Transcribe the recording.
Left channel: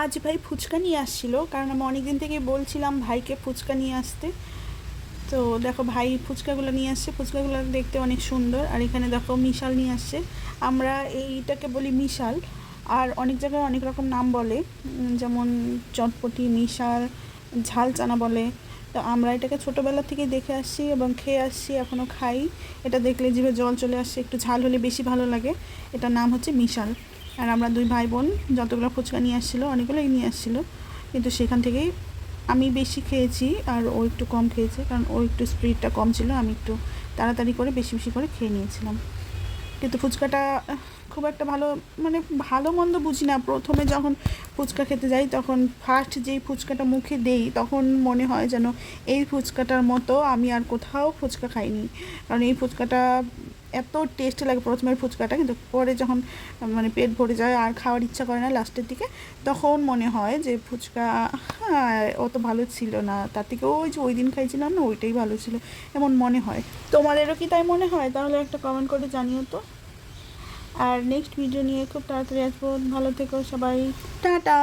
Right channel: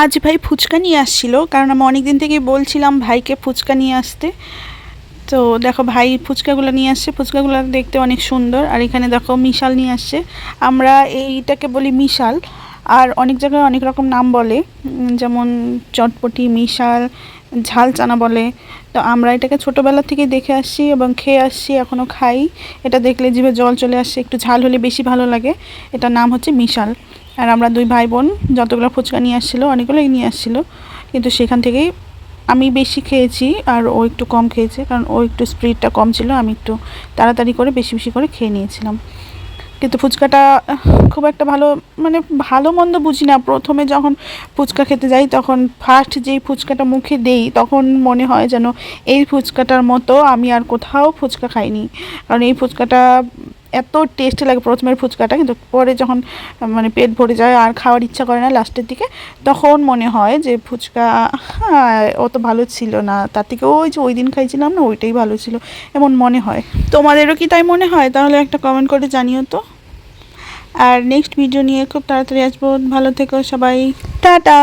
আজ ভাই ফুচকা নিয়ে আসছিল, কারণ আমি অনেক দিন থেকেই বলছিলাম ভাইকে ফুচকা নিয়ে আসতে। তো দেখো ভাই ফুচকাগুলো নিয়ে আসছে, ফুচকাগুলো দেখতে অনেক সুন্দর। আর এখানে দেখো মিশাল নিয়ে আসছে, আমরা এইটাকে বলি মিশাল। আর অনেক জায়গায় অনেক রকম নাম বলে, যেমন চটপটি, মিশাল, ঝাল চানা বলে। তো আমরা এটাকে ছোটোবেলা থেকে দেখে আসছি এবং খেয়ে আসছি, এখনও খাই। এটা দেখলে জিভে জল চলে আসছে, একটু ঝাল হলে বেশি ভালো লাগে। এটার নাম হচ্ছে মিশাল। আর আমরা দুই ভাই বোন যতগুলো ফুচকা নিয়ে আসছিলো, অনেকগুলোই নিয়ে আসছিলো, কিন্তু সেখান থেকেই আমি বেশি খেয়েছি আর ও একটু কম খেয়েছে, কারণ ও একটু স্পিডটা কম ছিল, আমি একটু তাড়াতাড়ি করে বেশি বেশি করে খেয়ে নিয়েছিলাম। কিন্তু ফুচকাটা খুব একটা ভালো, মানে ভালো মন্দ বুঝি না। প্রথমে যখন ফুচকা খেতে যাই তখন ফার্স্ট যেই ফুচকাটা মুখে দেই তখন মনে হয় যেন এই ফুচকাটার মতো আমি আর কোথাও ফুচকা খাইনি। কারণ এই ফুচকাটা এত টেস্টি লাগে প্রথমের ফুচকাটা, কিন্তু পরে যখন মানে পেট ভরে যায় আর খাওয়ার ইচ্ছা করে না লাস্টের দিকে, তখন মনে হয় যে ফুচকা অত ভালো ছিল না, তার থেকে ওই যে ওই দিন খাইছিলাম না ওইটাই ভালো ছিল, এমন মনে হয়। তোমাদেরও কি তাই মনে হয়? তাহলে একটা কমেন্ট করে জানিও তো। আর নেক্সট ভিডিও নিয়ে খুব তাড়াতাড়ি আসবো। ভালো থেকো সবাই, টাটা।